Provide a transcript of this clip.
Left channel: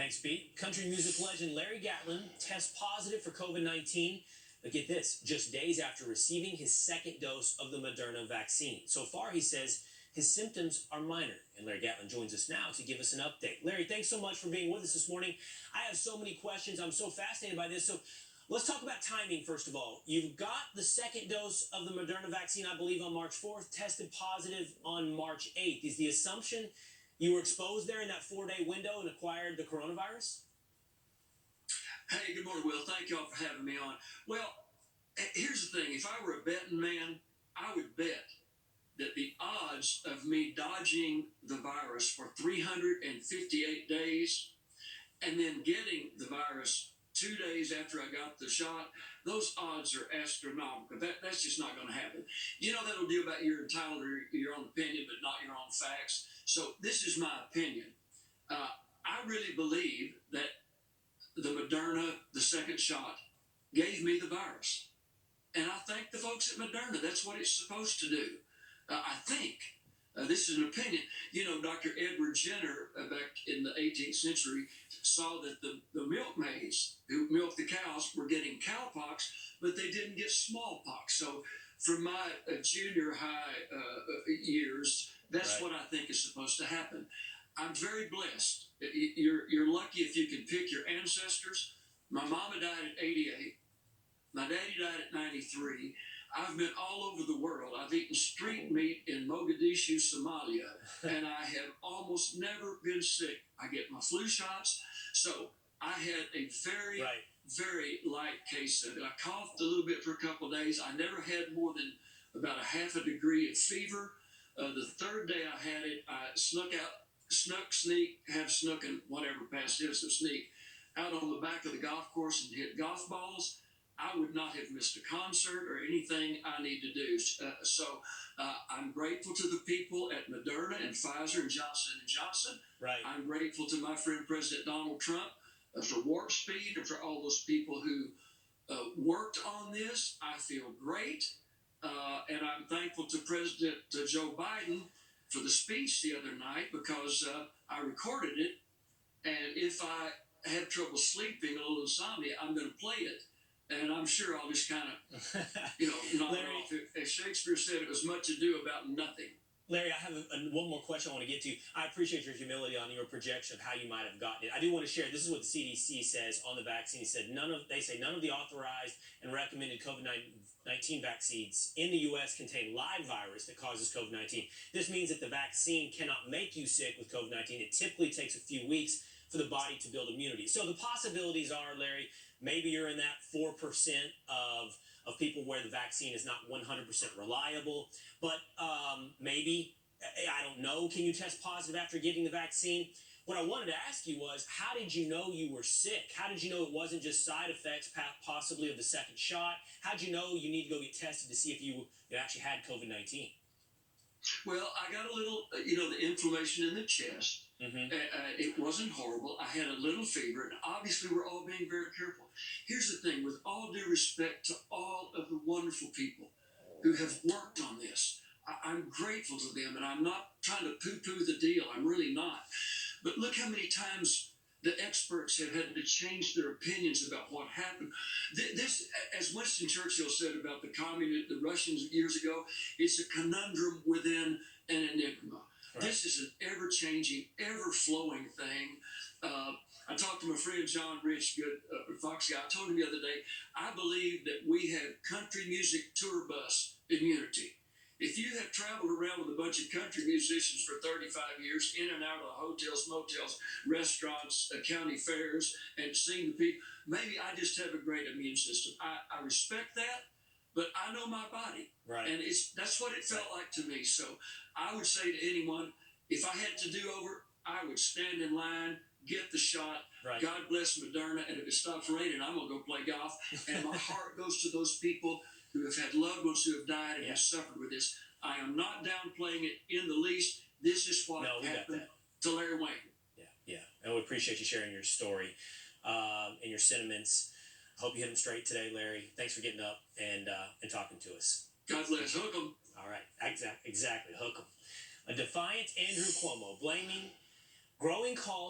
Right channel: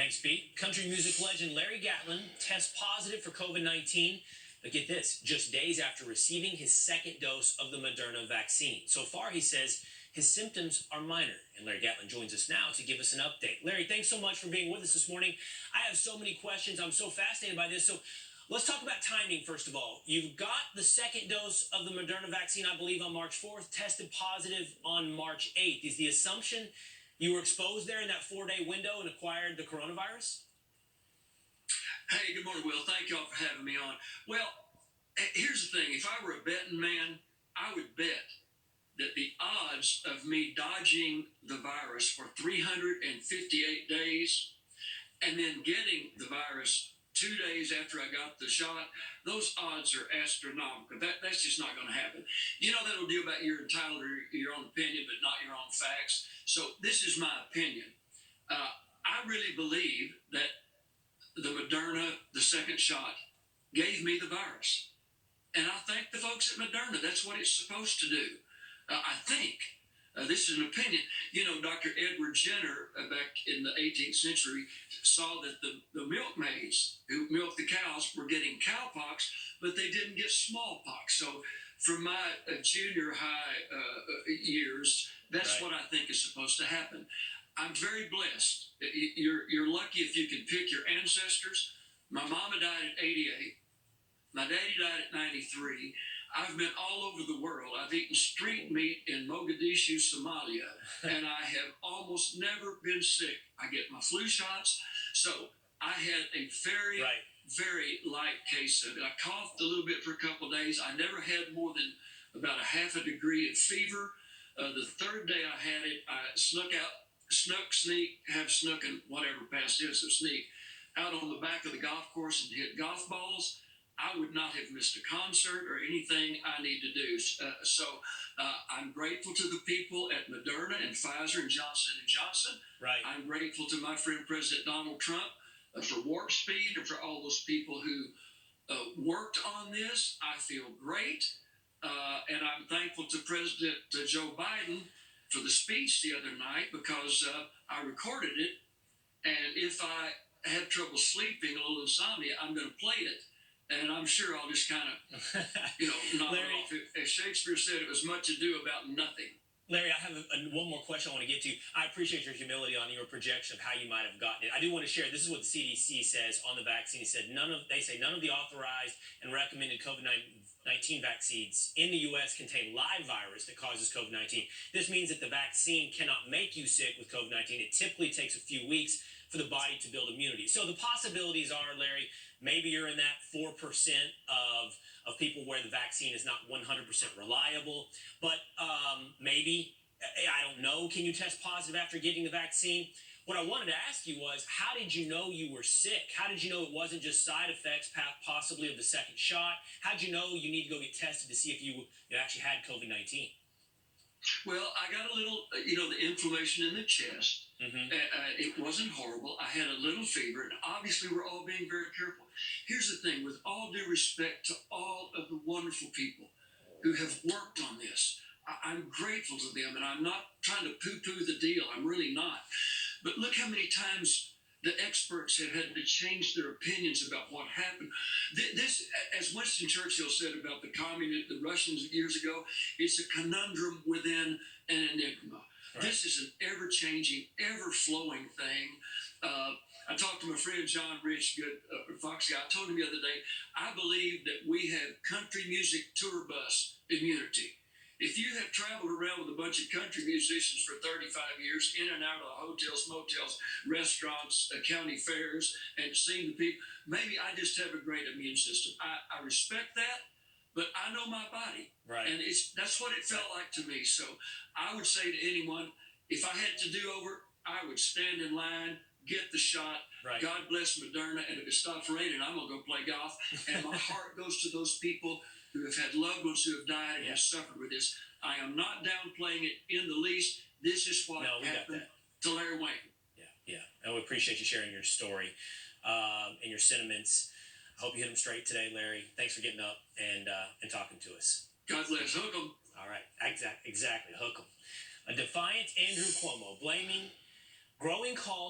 Thanks, Pete. Country music legend Larry Gatlin tests positive for COVID-19. But get this, just days after receiving his second dose of the Moderna vaccine. So far, he says his symptoms are minor. And Larry Gatlin joins us now to give us an update. Larry, thanks so much for being with us this morning. I have so many questions. I'm so fascinated by this. So let's talk about timing, first of all. You've got the second dose of the Moderna vaccine, I believe, on March 4th, tested positive on March 8th. Is the assumption you were exposed there in that 4-day window and acquired the coronavirus? Hey, good morning, Will. Thank y'all for having me on. Well, here's the thing. If I were a betting man, I would bet that the odds of me dodging the virus for 358 days and then getting the virus 2 days after I got the shot, those odds are astronomical. That's just not going to happen. You know, that'll do about you're entitled to your own opinion, but not your own facts. So this is my opinion. I really believe that the Moderna, the second shot, gave me the virus. And I thank the folks at Moderna. That's what it's supposed to do. I think. This is an opinion. You know, Dr. Edward Jenner, back in the 18th century, saw that the milkmaids who milked the cows were getting cowpox, but they didn't get smallpox. So from my junior high years, that's Right. what I think is supposed to happen. I'm very blessed. You're lucky if you can pick your ancestors. My mama died at 88. My daddy died at 93. I've been all over the world. I've eaten street meat in Mogadishu, Somalia, and I have almost never been sick. I get my flu shots. So I had a very, Right. very light case of it. I coughed a little bit for a couple of days. I never had more than about a half a degree of fever. The third day I had it, I snuck, and whatever past tense of sneak, out on the back of the golf course and hit golf balls. I would not have missed a concert or anything I need to do. So I'm grateful to the people at Moderna and Pfizer and Johnson & Johnson. Right. I'm grateful to my friend President Donald Trump for Warp Speed and for all those people who worked on this. I feel great. And I'm thankful to President Joe Biden for the speech the other night because I recorded it. And if I have trouble sleeping, a little insomnia, I'm going to play it. And I'm sure I'll just kind of, knock Larry, it off. As Shakespeare said, it was much ado about nothing. Larry, I have one more question I want to get to. I appreciate your humility on your projection of how you might have gotten it. I do want to share, this is what the CDC says on the vaccine. They say none of the authorized and recommended COVID-19 vaccines in the U.S. contain live virus that causes COVID-19. This means that the vaccine cannot make you sick with COVID-19. It typically takes a few weeks for the body to build immunity. So the possibilities are, Larry, maybe you're in that 4% of people where the vaccine is not 100% reliable, but maybe, I don't know, can you test positive after getting the vaccine? What I wanted to ask you was, how did you know you were sick? How did you know it wasn't just side effects possibly of the second shot? How did you know you need to go get tested to see if you actually had COVID-19? Well, I got a little, the inflammation in the chest. Mm-hmm. It wasn't horrible. I had a little fever, and obviously we're all being very careful. Here's the thing, with all due respect to all of the wonderful people who have worked on this, I'm grateful to them, and I'm not trying to poo-poo the deal. I'm really not. But look how many times the experts have had to change their opinions about what happened. This, as Winston Churchill said about the Russians years ago, it's a conundrum within an enigma. Right. This is an ever-changing, ever-flowing thing. I talked to my friend John Rich, good Fox guy. I told him the other day, I believe that we have country music tour bus immunity. If you have traveled around with a bunch of country musicians for 35 years, in and out of hotels, motels, restaurants, county fairs, and seen the people, maybe I just have a great immune system. I respect that, but I know my body. Right. And that's what it felt like to me. So I would say to anyone, if I had to do over, I would stand in line, get the shot. Right. God bless Moderna. And if it stops raining, I'm going to go play golf. And my heart goes to those people who have had loved ones who have died and have suffered with this. I am not downplaying it in the least. This is what happened to Larry Wayne. Yeah. And we appreciate you sharing your story and your sentiments. I hope you hit them straight today, Larry. Thanks for getting up and talking to us. God bless. Hook 'em. All right. Exactly. Hook 'em. A defiant Andrew Cuomo blaming growing calls